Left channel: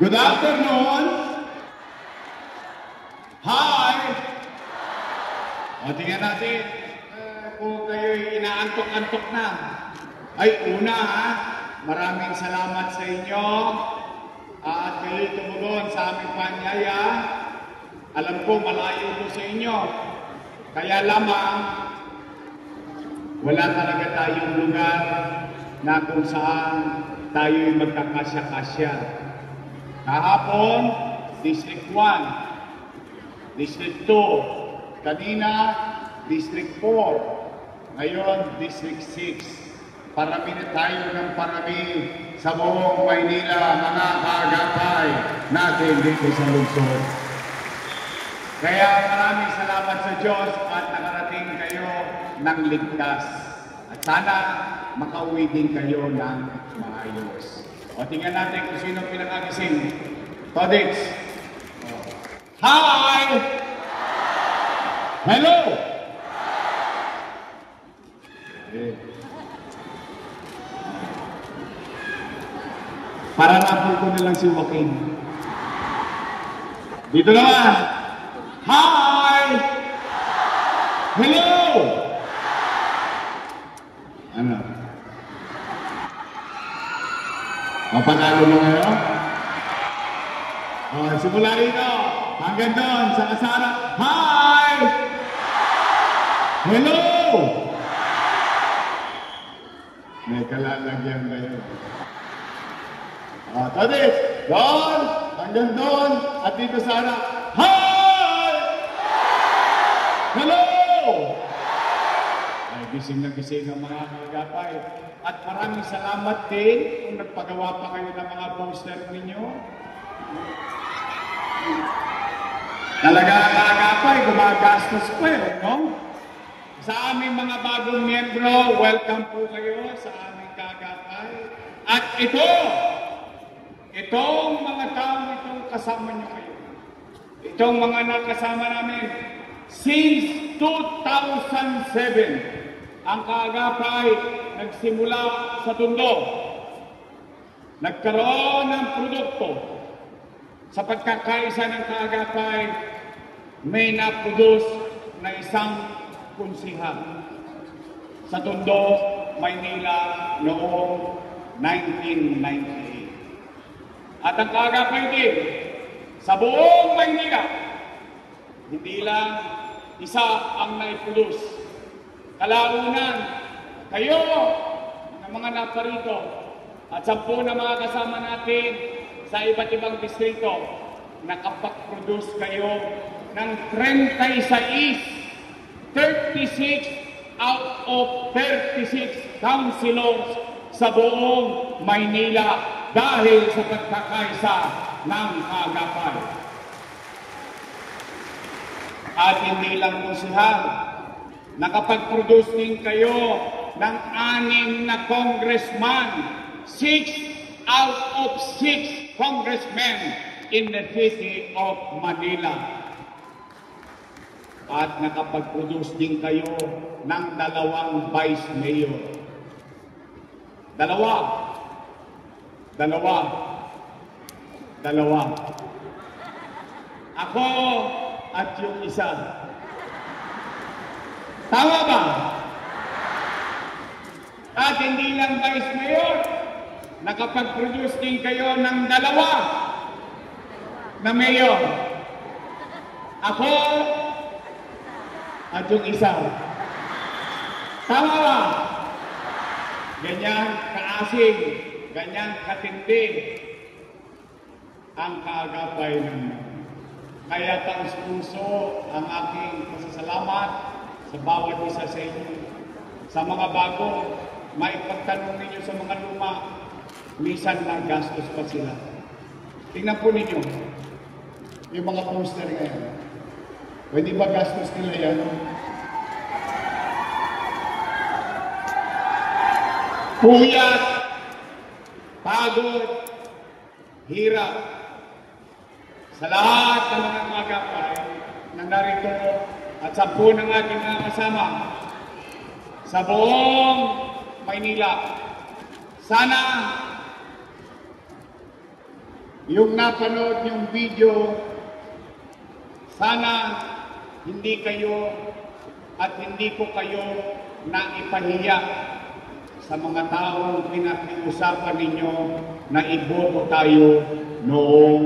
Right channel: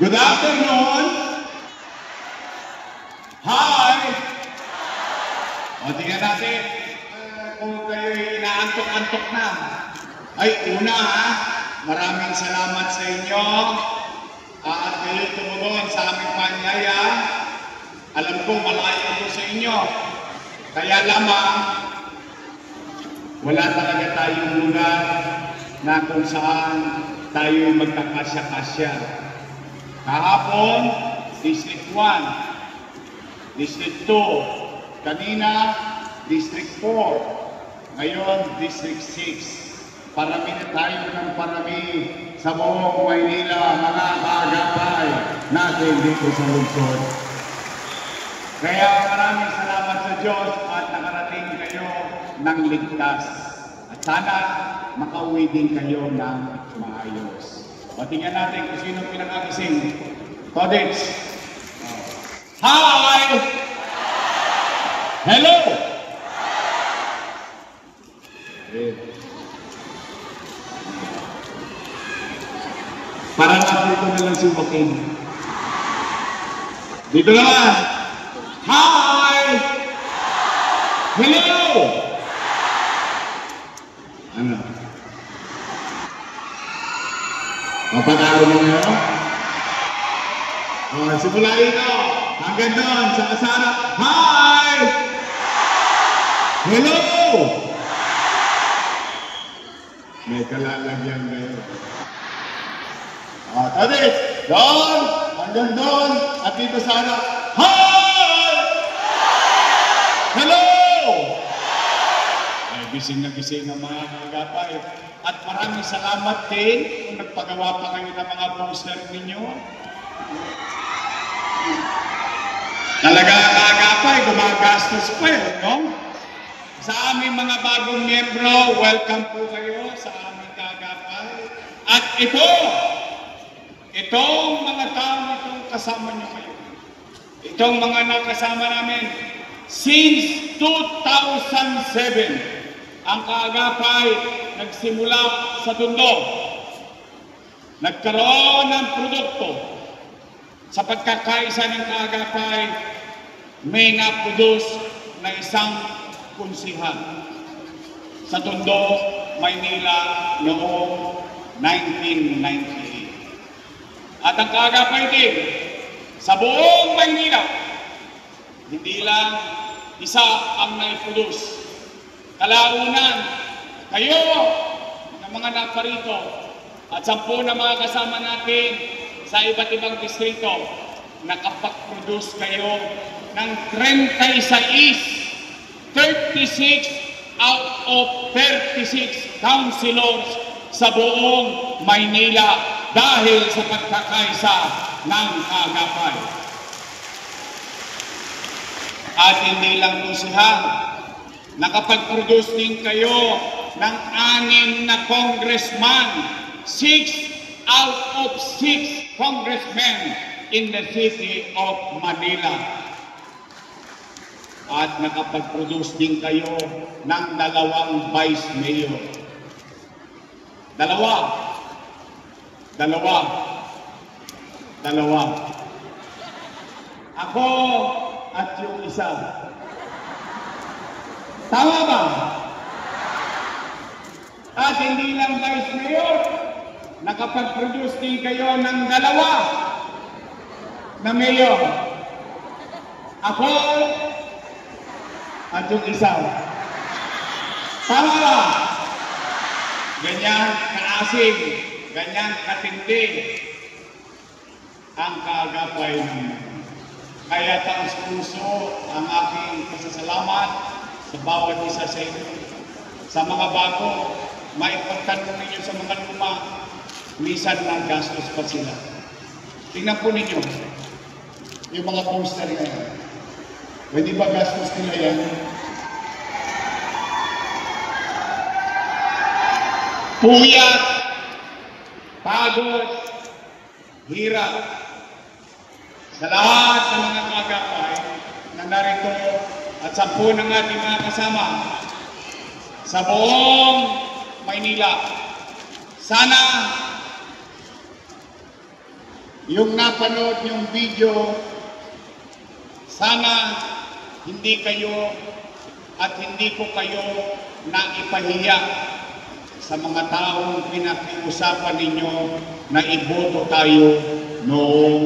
Good afternoon. Hi. O, tingnan natin kung kayo'y inaantok-antok na. Ay, una maraming salamat sa inyo at kayo'y tumugon sa aming panyaya. Alam ko malayo ko sa inyo. Kaya lamang, wala talaga tayong lugar na kung saan tayo'y magkakasya-kasya. Kahapon, District 1, District 2, kanina, District 4, ngayon, District 6. Parami na tayo ng parami sa buong Maynila, mga kaagapay natin dito sa lungsod. Kaya maraming salamat sa Diyos at nakarating kayo ng ligtas. At sana makauwi din kayo ng maayos. O tingnan natin kung sino pinag-agising. Todix. Hi! Hello! Parang ako ko na lang si Joaquin. Dito naman. Hi! Hello! Ano? Mapag-aaral mo ngayon? Simula ito. Hanggang doon sa kasara. Hi! Hello! May kalalagyan ngayon. Tadi, doon, hanggang doon, at dito sana. Hi! Hello! Ay, gising na gising ang mga kagapay. At maraming salamat din kung nagpagawa pa kayo ng mga poster ninyo. Talaga kagapay, gumagastos pa yun, no? Sa aming mga bagong miyembro, welcome po kayo sa aming kagapay. At itong mga taong itong kasama niyo kayo. Itong mga nakasama namin since 2007. Ang kaagapay nagsimula sa Tondo. Nagkaroon ng produkto. Sa pagkakaisa ng kaagapay, may na-produce na isang konsihal sa Tondo, Maynila noong 1998. At ang kaagapay din sa buong Maynila, hindi lang isa ang naiproduce. Kalaunan, kayo ng mga naparito at 10 na mga kasama natin sa iba't ibang distrito, nakapag-produce kayo ng 36 out of 36 councilors sa buong Maynila dahil sa pagkakaisa ng kaagapay. At hindi lang po sila, nakapag-produce din kayo ng 6 na congressman, 6 out of 6 congressmen in the city of Manila. At nakapag-produce din kayo ng 2 vice mayor. Dalawa. Ako at yung isa. Tama ba? At hindi lang vice mayor, nakapag-produce din kayo ng 2 na mayor. Ako at yung isa. Tama ba? Ganyan kaasig, ganyan katindi ang kaagapay naman. Kaya taos puso ang aking pasasalamat sa bawat isa sa inyo. Sa mga bago, maipagtanong ninyo sa mga luma, minsan na gastos pa sila. Tingnan po ninyo, yung mga poster ngayon. Pwede ba gastos nila yan? Puyat, pagod, hirap. Sa lahat ng mga kaagapay na narito at 10 ng ating mga kasama sa buong Maynila, sana yung napanood yung video, sana hindi kayo at hindi ko kayo naipahiya sa mga taong pinakiusapan ninyo na iboto tayo noong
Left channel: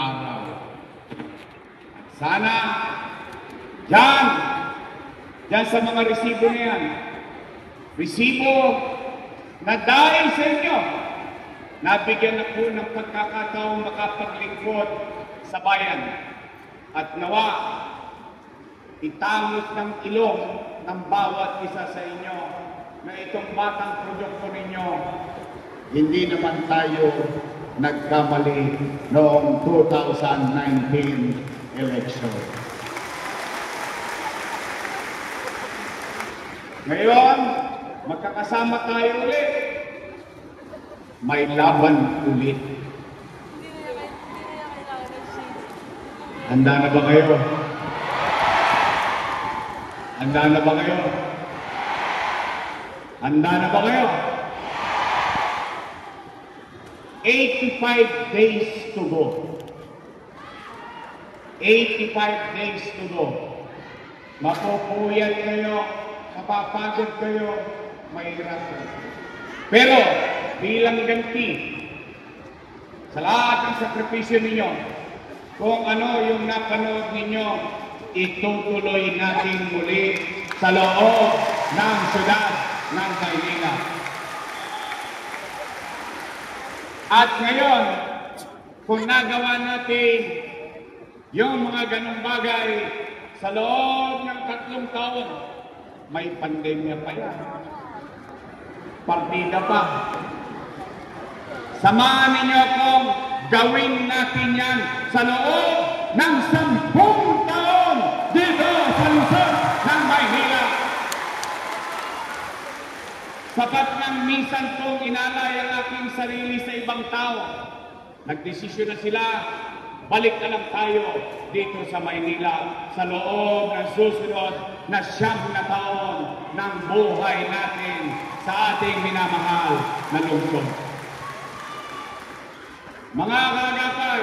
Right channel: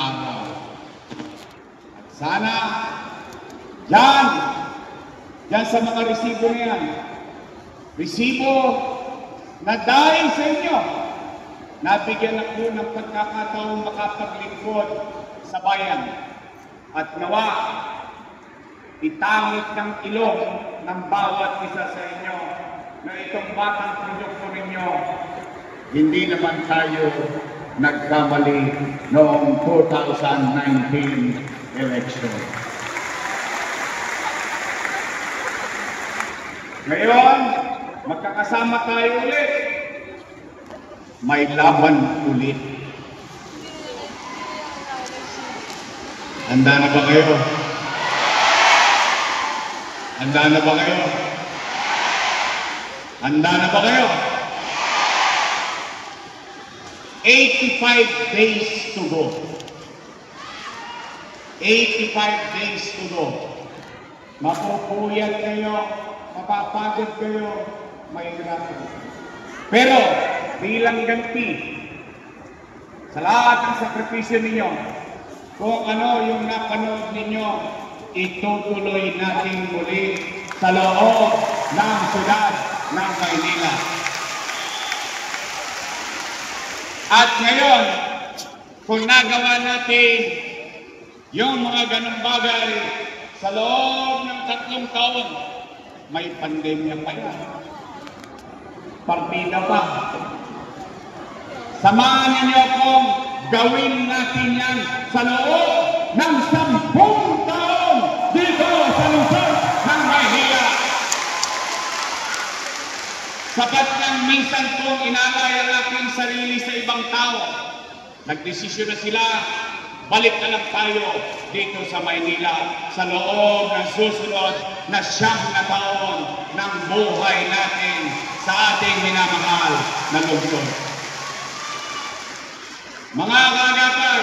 araw. Sana Diyan sa mga resibo na yan, resibo na dahil sa inyo, nabigyan ako ng pagkakataong makapaglingkod sa bayan at nawa itangos ng ilong ng bawat isa sa inyo na itong batang produkto ninyo, hindi naman tayo nagkamali noong 2019 election. Ngayon, magkakasama tayo ulit. May laban ulit. Handa na ba kayo? Handa na ba kayo? Handa na ba kayo? 85 days to go. 85 days to go. Mapupuyat kayo, mapapagod kayo, mahirap. Pero bilang ganti sa lahat ng sakripisyo ninyo, kung ano yung napanood ninyo, itutuloy natin muli sa loob ng syudad ng Maynila. At ngayon, kung nagawa natin yung mga ganong bagay sa loob ng 3 taon, may pandemya pa yan. Partida pa. Samahan ninyo akong gawin natin yan sa loob ng 10 taon dito sa lungsod ng Maynila. Sapat ng minsan kong inalay ang aking sarili sa ibang tao. Nagdesisyon na sila, balik na lang tayo dito sa Maynila sa loob ng susunod na 9 na taon ng buhay natin sa ating minamahal na lungsod. Mga kagapay,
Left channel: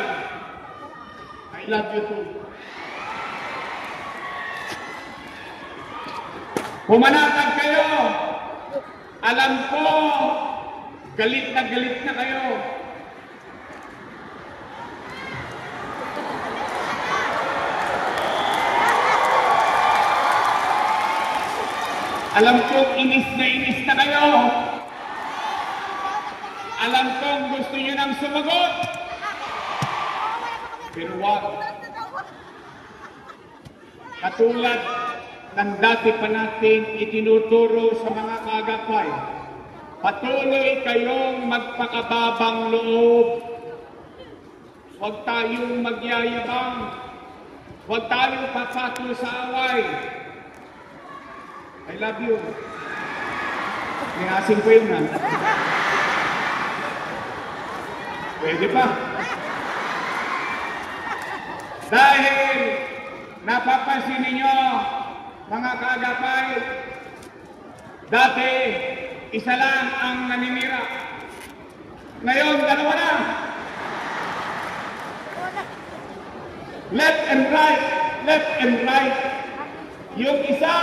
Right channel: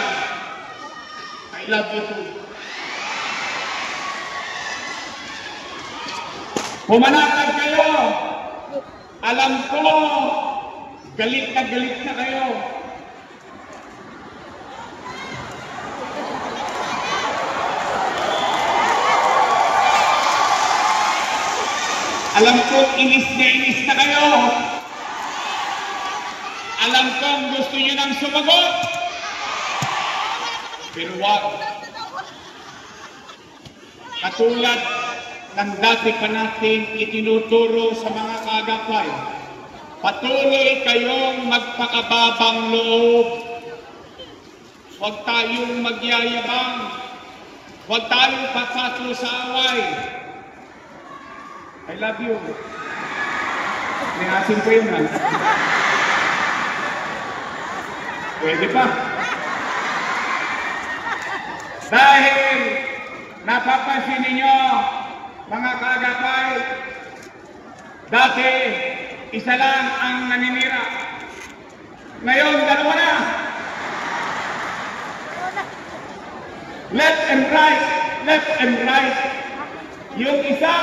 I love you too. Pumanakad kayo. Alam ko, galit na kayo. Alam ko, inis na kayo. Alam ko, gusto nyo nang sumagot. Pero wag. Katulad ng dati pa natin itinuturo sa mga kagapay, patuloy kayong magpakababang loob. Huwag tayong magyayabang. Huwag tayong pasato sa away. I love you. Ningasin ko yun. Pwede pa. Dahil napapansin ninyo, mga kagapay, dati isa lang ang naninira. Ngayon, 2 na. Left and right, left and right. Yung isa,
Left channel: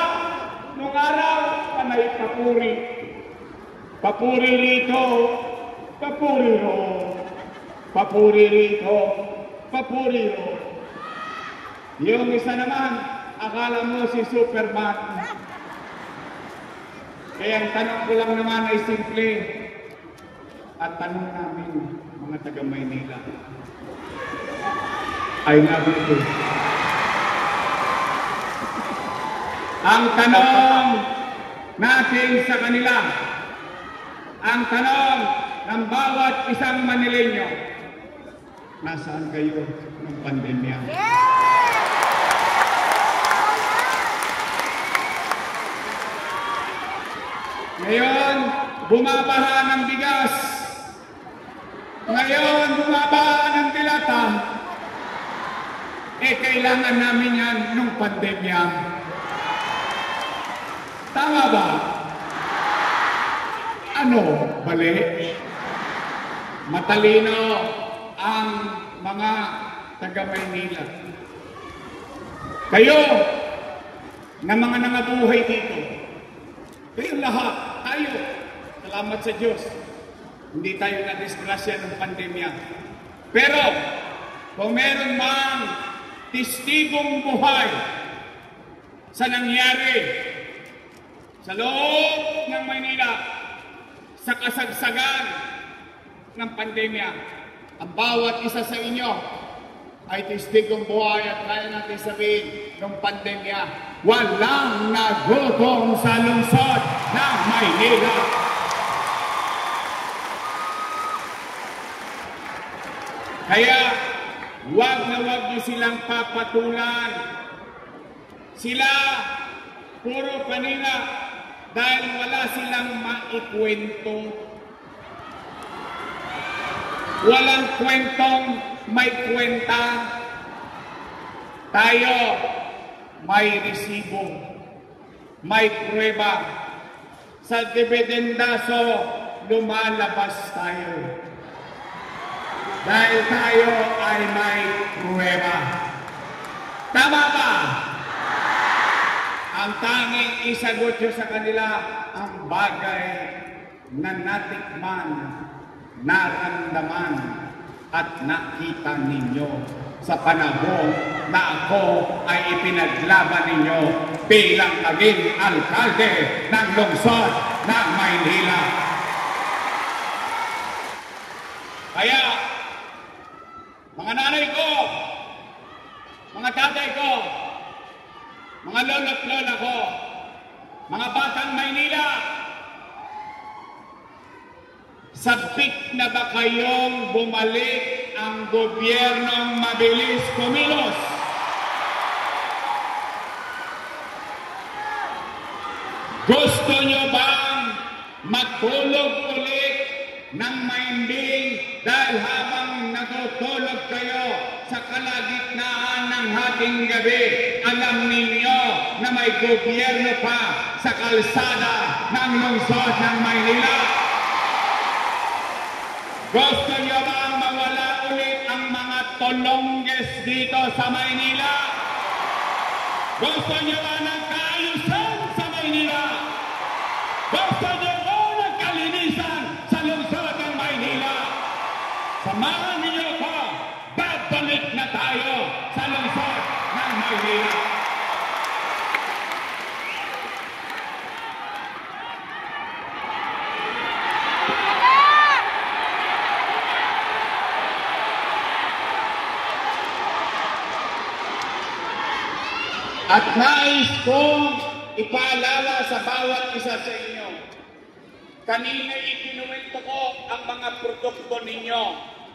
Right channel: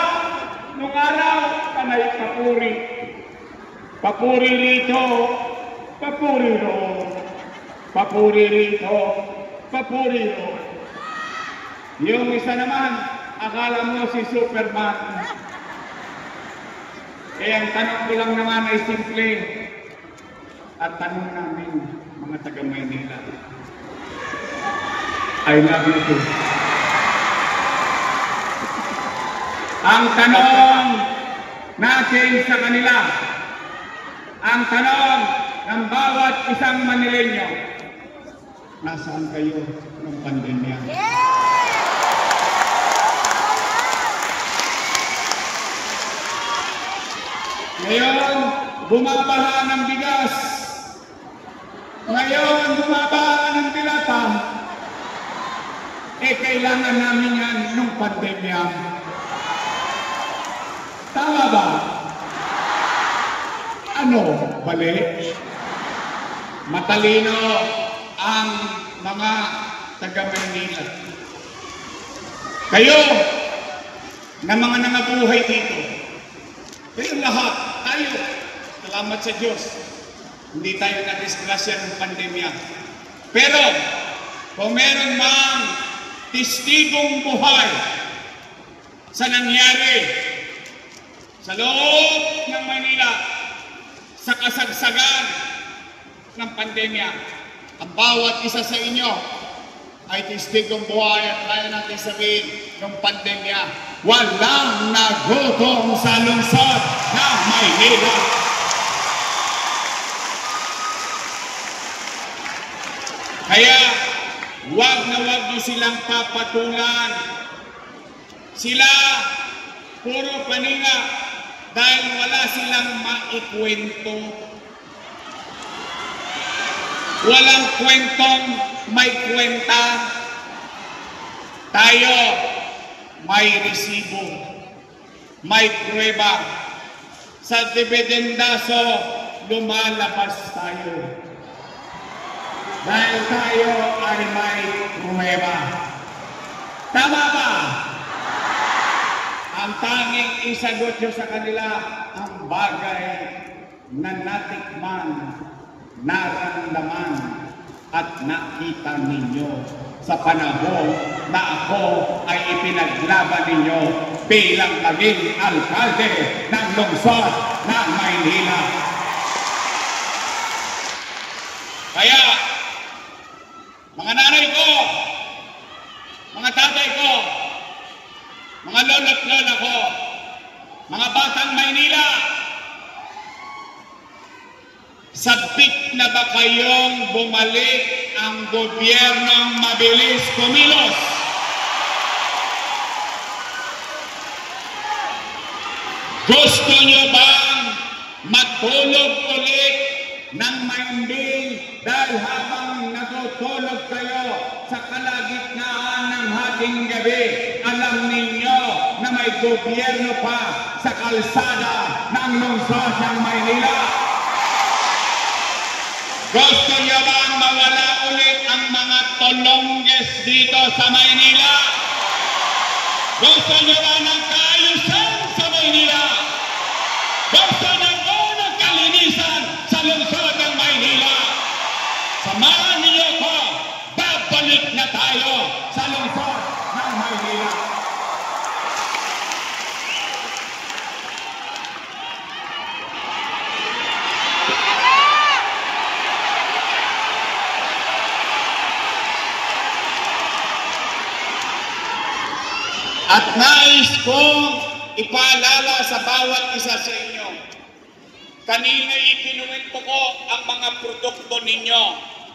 nung araw, panay papuri. Papuri rito, papuri roon. Papuri rito, papuri roon. Yung isa naman, akala mo si Superman. Kaya ang tanong ko lang naman ay simple. At tanong namin, mga taga Maynila, I love you too. Ang tanong natin sa kanila, ang tanong ng bawat isang Manileño, nasaan kayo ng pandemya? Ngayon, bumabaha ng bigas. Ngayon, bumabaha ng dilata. Kailangan namin yan ng pandemya. Tama ba? Ano? Bali? Matalino ang mga taga-Maynila. Kayo, na mga nangabuhay dito, kayo lahat, tayo, salamat sa Diyos, hindi tayo na-disgrasya ng pandemya. Pero, kung meron mang testigong buhay sa nangyari sa loob ng Manila, sa kasagsagan ng pandemya, ang bawat isa sa inyo ay testigong buhay at kaya natin sabihin ng pandemya, walang nagutom sa lungsod ng Maynila. Kaya, wag na wag niyo silang papatulan. Sila, puro kanila, dahil wala silang maikwento. Walang kwentong may kwenta. Tayo, may resibo, may prueba. Sa dividendaso, lumalabas tayo. Dahil tayo ay may prueba. Tama ba? Ang tanging isagot nyo sa kanila ang bagay na natikman, naramdaman at nakita ninyo sa panahon na ako ay ipinaglaban ninyo bilang naging alkalde ng lungsod ng Maynila. Kaya, mga nanay ko, mga tatay ko, mga lolo at lola ko, mga batang Maynila, sabik na ba kayong bumalik ang gobyernong mabilis kumilos? Gusto nyo bang matulog ulit ng mahimbing dahil habang natutulog kayo sa kalagitnaan ng hating gabi, alam ninyo na may gobyerno pa sa kalsada ng lungsod ng Maynila? Gusto nyo bang mawala ulit ang mga tolongges dito sa Maynila? Gusto nyo ba ng kaayusan sa Maynila? Gusto nyo ba ng kalinisan sa lungsod ng Maynila? Samahan niyo ko, babalik na tayo sa lungsod ng Maynila. At nais kong ipaalala sa bawat isa sa inyo, kanina ikinuwento ko ang mga produkto ninyo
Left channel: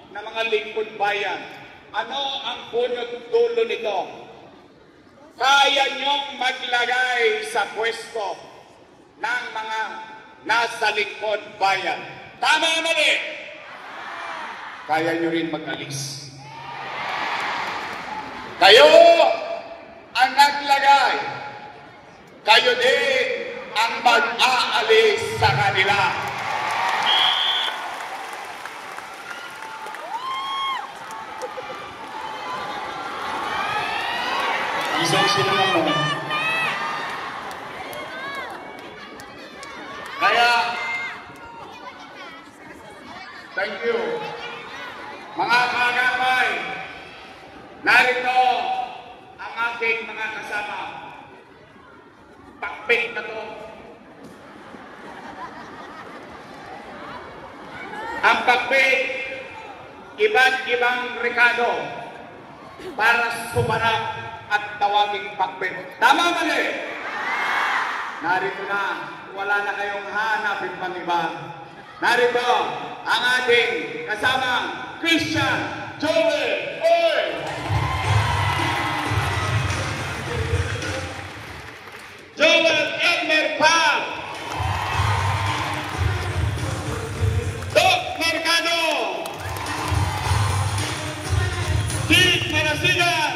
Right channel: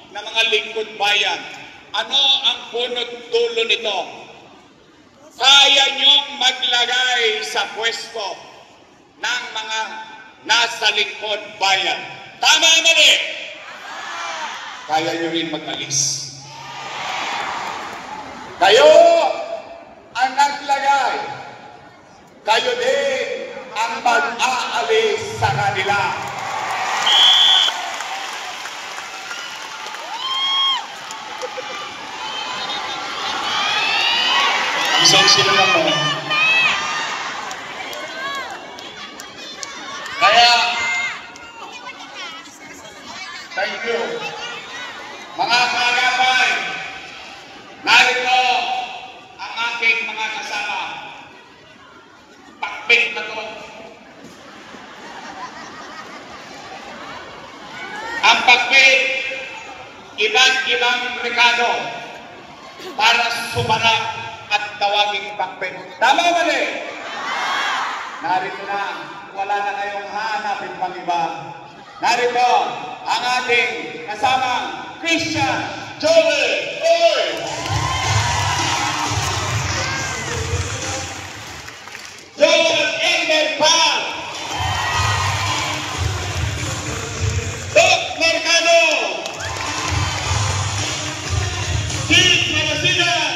na mga lingkod bayan. Ano ang punot dulo nito? Kaya nyong maglagay sa pwesto ng mga nasa lingkod bayan. Tama o mali? Kaya nyo rin mag-alis. Kayo ang naglagay, kayo din ang mag-aalis sa kanila. Isang sila naman. Kaya, thank you. Mga kagapay, narito ang aking mga kasama. Pakpik na to. Ang pakpik, iba't ibang rekado para sumarap at tawaging pakpik. Tama ba rin? Narito na, wala na kayong hanapin pang iba. Narito ang ating kasamang Christian Joel Oy! Joel Elmer Pal! Doc Mercado! Steve Marasigan!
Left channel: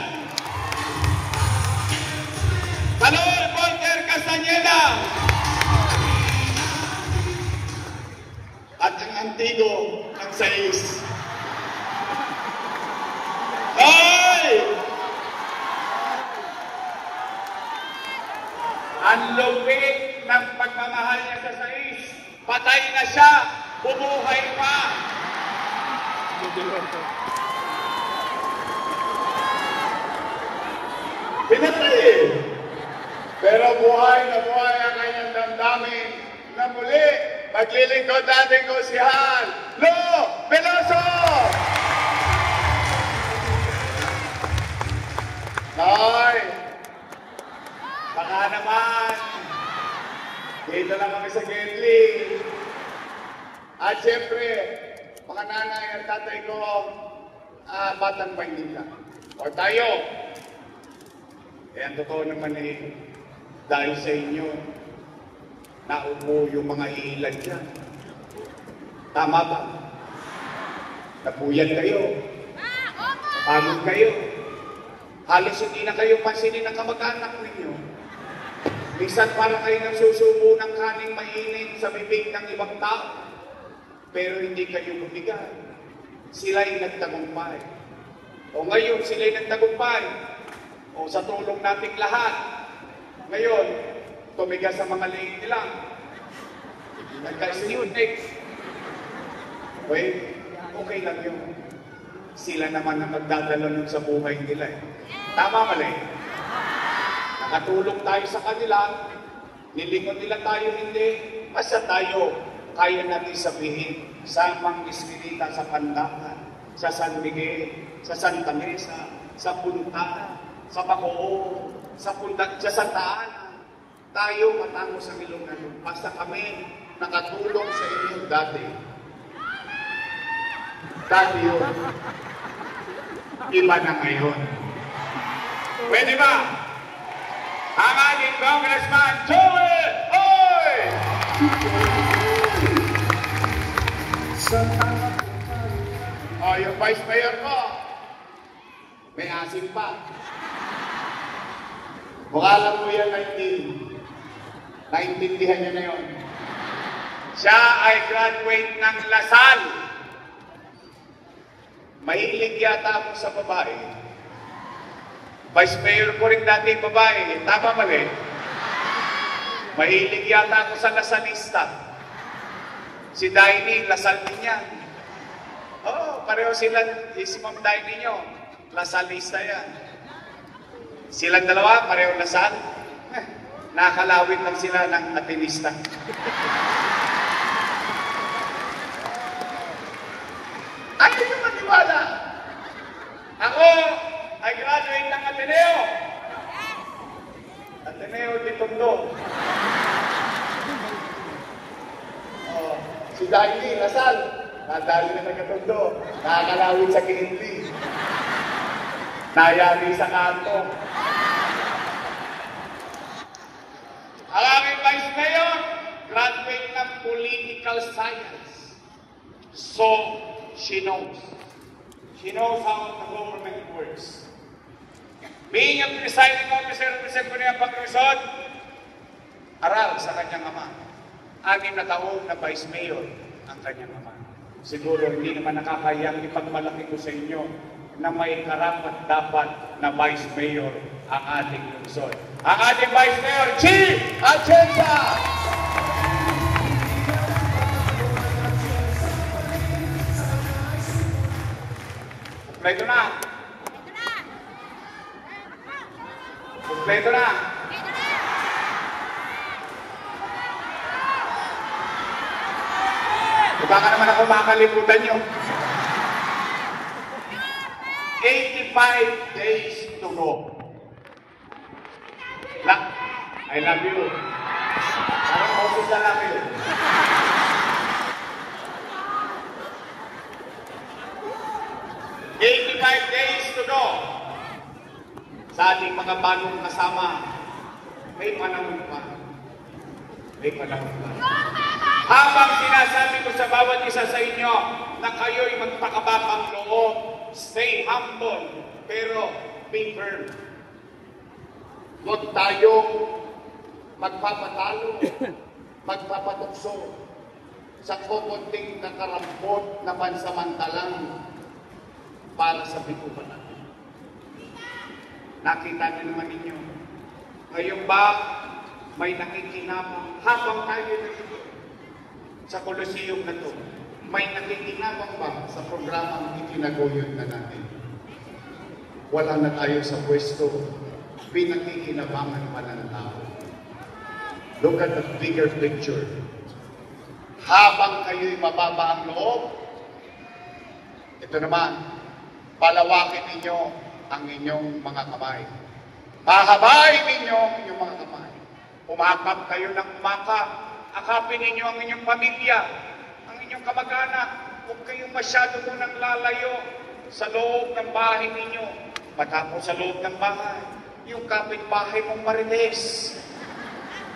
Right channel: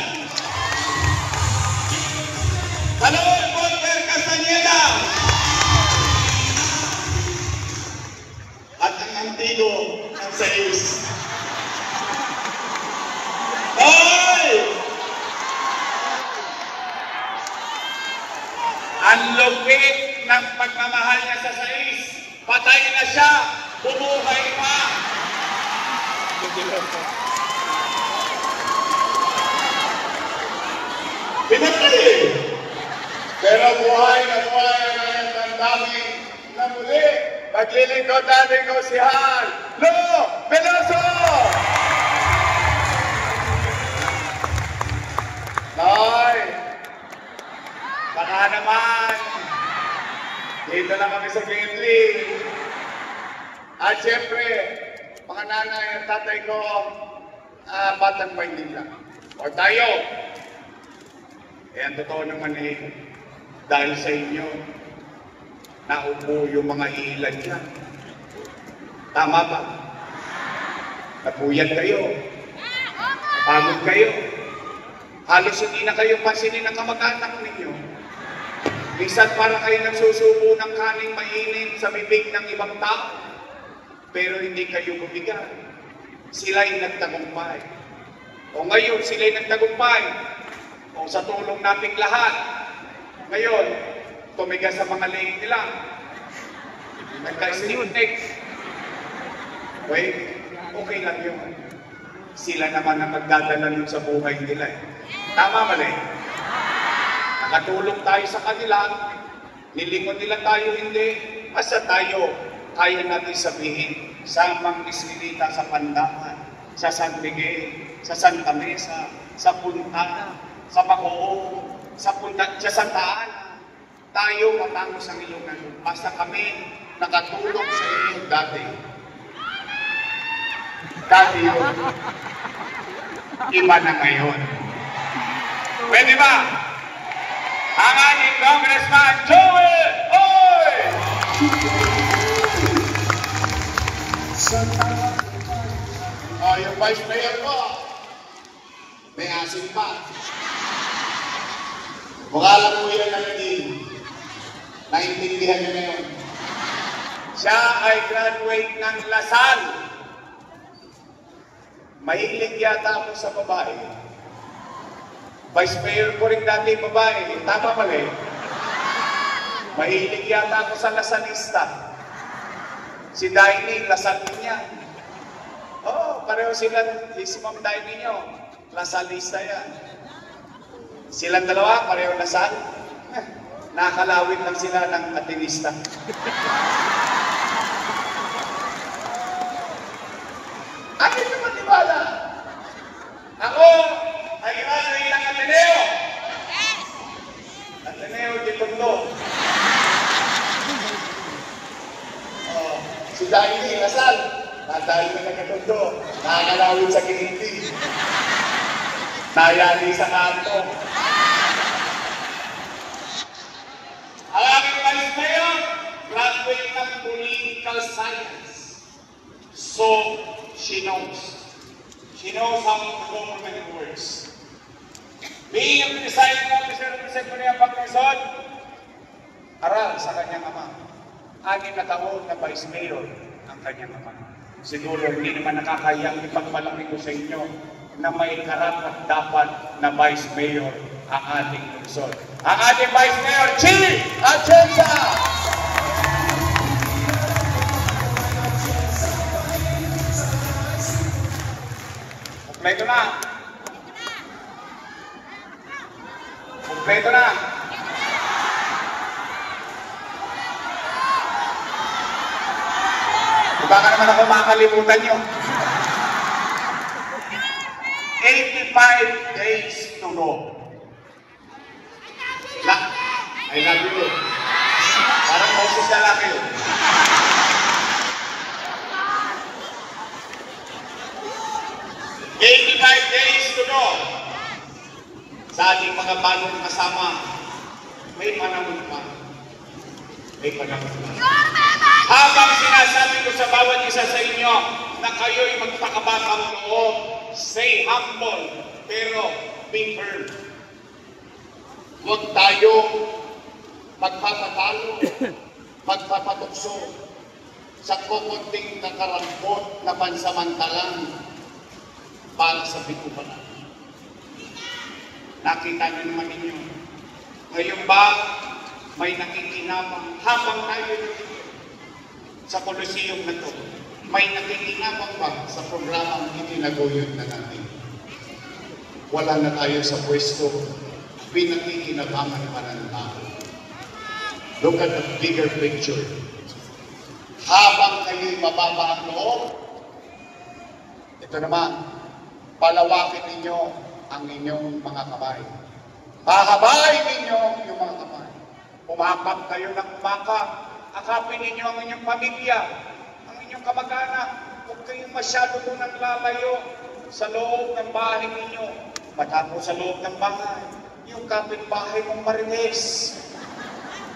Palor Walter Castañeda! At ang antigo ng Sayus. lupit ng pagmamahal niya sa sais. Patay na siya, bumuhay pa. Pinatay. Pero buhay na buhay ang kanyang damdamin na muli maglilingkod natin ko si Han Lo Veloso! Nay, baka naman, dito lang kami sa Gimli. At syempre, mga nanay at tatay ko, Batang Maynila. O tayo, ang totoo naman dahil sa inyo, naupo yung mga ilan dyan. Tama ba? Napuyat kayo. Napagod kayo. Halos hindi na kayo pansinin ng kamag-anak ninyo. Minsan para kayo nagsusubo ng kaning mainit sa bibig ng ibang tao. Pero hindi kayo bumigay. Sila'y nagtagumpay. O ngayon, sila'y nagtagumpay. O sa tulong nating lahat. Ngayon, tumigas sa mga leeg nila. Nagka-student. Okay lang yun. Sila naman ang magdadala nun sa buhay nila eh. Tama mali. Nakatulong tayo sa kanila. Nilingon nila tayo hindi. Basta tayo, kaya natin sabihin sa mga Iskinita sa Pandakan, sa San Miguel, sa Santa Mesa, sa Punta, sa Bacoor, sa Santa Ana. Tayo matango sa Ilonggo. Basta kami nakatulong sa inyo dati. Dati yun. Iba na ngayon. Pwede ba? Ang ating Congressman Joel Oy! Yung Vice Mayor ko, may asin pa. Mukha lang po yan na hindi. Naintindihan niya na yun. Siya ay graduate ng Lasal. Mahilig yata ako sa babae. Vice Mayor ko rin dati babae. Tama mali. Mahilig yata ako sa Lasalista. Si Daini, Lasal din niya. Pareho sila, si Ma'am Daini nyo. Lasalista yan. Silang dalawa, pareho Lasal. Nakakalawin lang sila ng Atenista. Ayaw nyo maniwala. Ako ay graduate ng Ateneo. Ateneo de Tondo. Si Daini, Lasal. Natali na nagkatondo. Nakakalawin sa Ginindi. Nayali sa kanto. Ang aming Vice Mayor, graduate ng Political Science. So, she knows. She knows how the government works. Being a presiding officer of the Sangguniang Paglusod, aral sa kanyang ama. 6 na taon na Vice Mayor ang kanyang ama. Siguro hindi naman nakakayang ipagmalaki ko sa inyo na may karapat dapat na Vice Mayor ang ating lungsod. Ang ating Vice Mayor, Chi Atienza! Kompleto na. Kompleto na. Baka naman ako makalimutan nyo. 85 days to go. I love you. Parang Moses na lang yun. Days to go. Sa ating mga bagong kasama, may panahon pa. May panahon pa. Habang sinasabi ko sa bawat isa sa inyo na kayo'y magpakabakang loob, stay humble, pero be firm. Huwag tayo magpapatalo, magpapatukso sa kukunting nakarampot na pansamantalang para sa bituban. Nakita niyo naman ninyo. Ngayon ba, may nakikinabang habang tayo nandito sa Coliseum na to. May nakikinabang ba sa programang itinaguyod na natin? Wala na tayo sa pwesto, pinakikinabangan pa ng tao. Look at the bigger picture. Habang kayo'y mababa ang loob, ito naman, palawakin ninyo ang inyong mga kamay. Pahabain ninyo yung mga kamay. Umakap kayo ng umakap. Akapin ninyo ang inyong pamilya, ang inyong kamag-anak. Huwag kayong masyado munang lalayo sa loob ng bahay ninyo. Matapos sa loob ng bahay, yung kapitbahay mong Marites.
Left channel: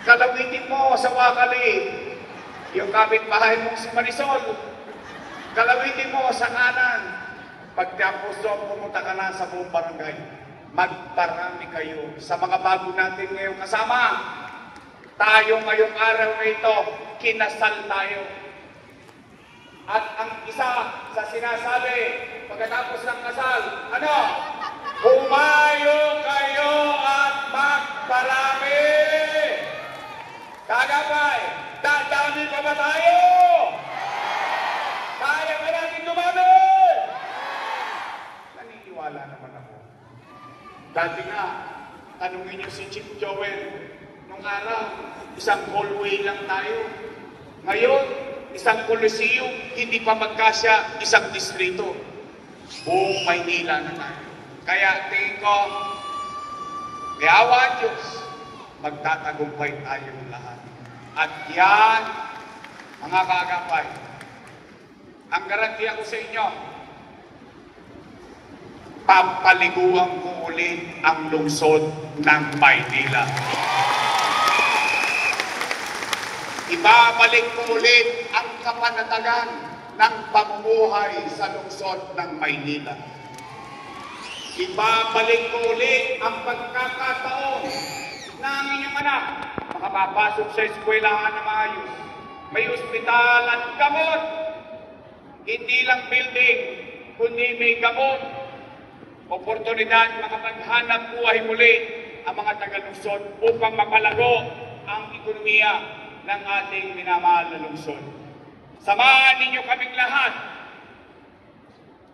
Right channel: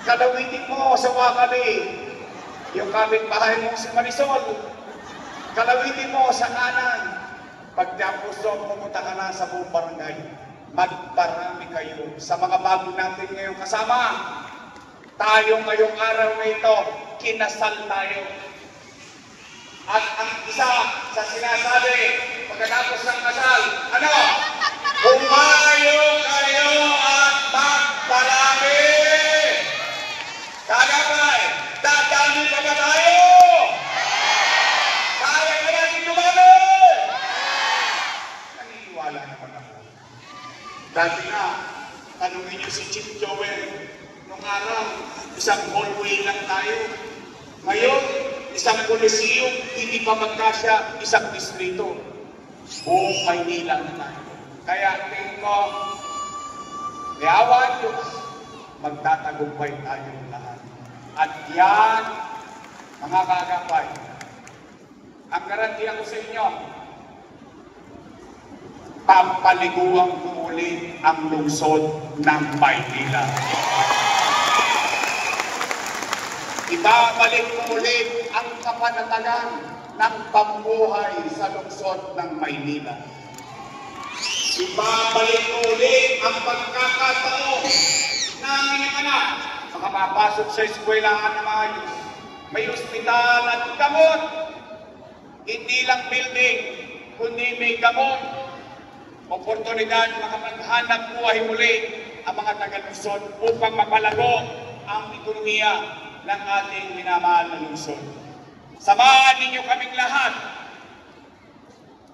Kalawitin mo sa Wakali, yung kapitbahay mong si Marisol. Kalawitin mo sa kanan. Pagtapos doon, pumunta ka na sa buong barangay. Magparami kayo sa mga bago natin ngayong kasama. Tayo ngayong araw na ito, kinasal tayo. At ang isa sa sinasabi, pagkatapos ng kasal, ano? Humayo kayo at magparami! Kagabay, dadami pa ba tayo? Kaya ka natin dumami! Naniniwala naman ako. Dati na, tanungin niyo si Chief Joel, nung araw, isang hallway lang tayo. Ngayon, isang Coliseum, hindi pa magkasya, isang distrito. Buong Maynila na tayo. Kaya tingin ko, may awa ang Diyos, magtatagumpay tayong lahat. At yan, mga kagapay, ang garantiya ko sa inyo, papaliguan ko ulit ang lungsod ng Maynila. Ibabalik ko ulit ang kapanatagan ng pamumuhay sa lungsod ng Maynila. Ibabalik ko ulit ang pagkakataon na ang inyong anak makapapasok sa eskwelahan na maayos. May ospital at gamot. Hindi lang building, kundi may gamot. Oportunidad makapaghanap buhay muli ang mga taga-lungsod upang mapalago ang ekonomiya ng ating minamahal na lungsod. Samahan ninyo kaming lahat.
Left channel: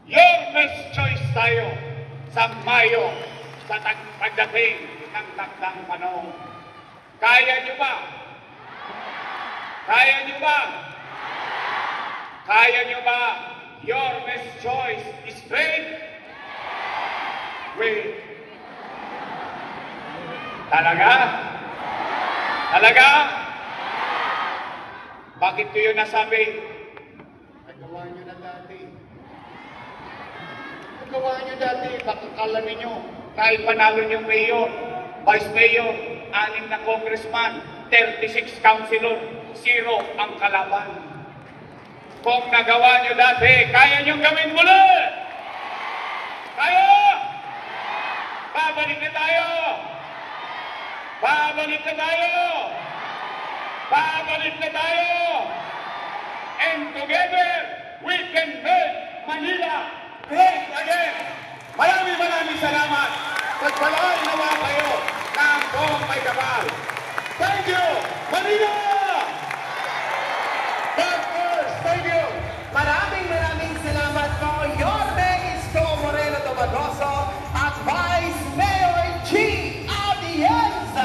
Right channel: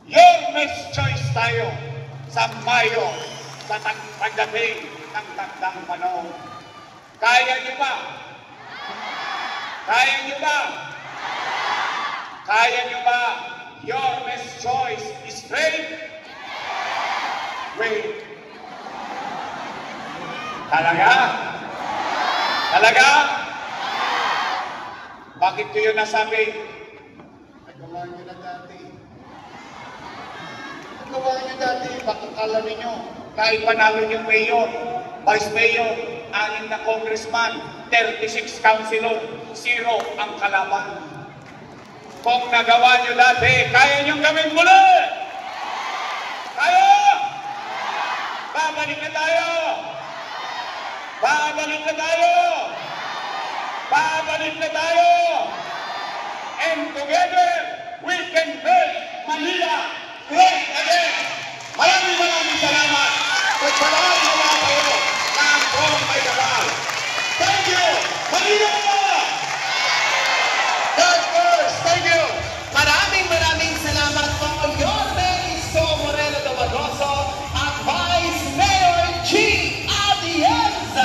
Your best choice tayo sa Mayo sa pagdating ng takdang panahon. Kaya nyo ba? Kaya nyo ba? Kaya nyo ba? Your best choice is great. Great. Talaga? Talaga? Bakit ko yun nasabi? Nagawa nyo na dati. Nagawa nyo dati. Bakit alam ninyo? Kahit panalo yung mayor, vice mayor, 6 na congressman, 36 councilor, 0 ang kalaban. Kung nagawa nyo dati, kaya nyo gawin muli! Kaya! Babalik na tayo! Babalik na tayo! Babalik na tayo! And together, we can make Manila great again! Maraming salamat! Pagpalaan naman kayo ng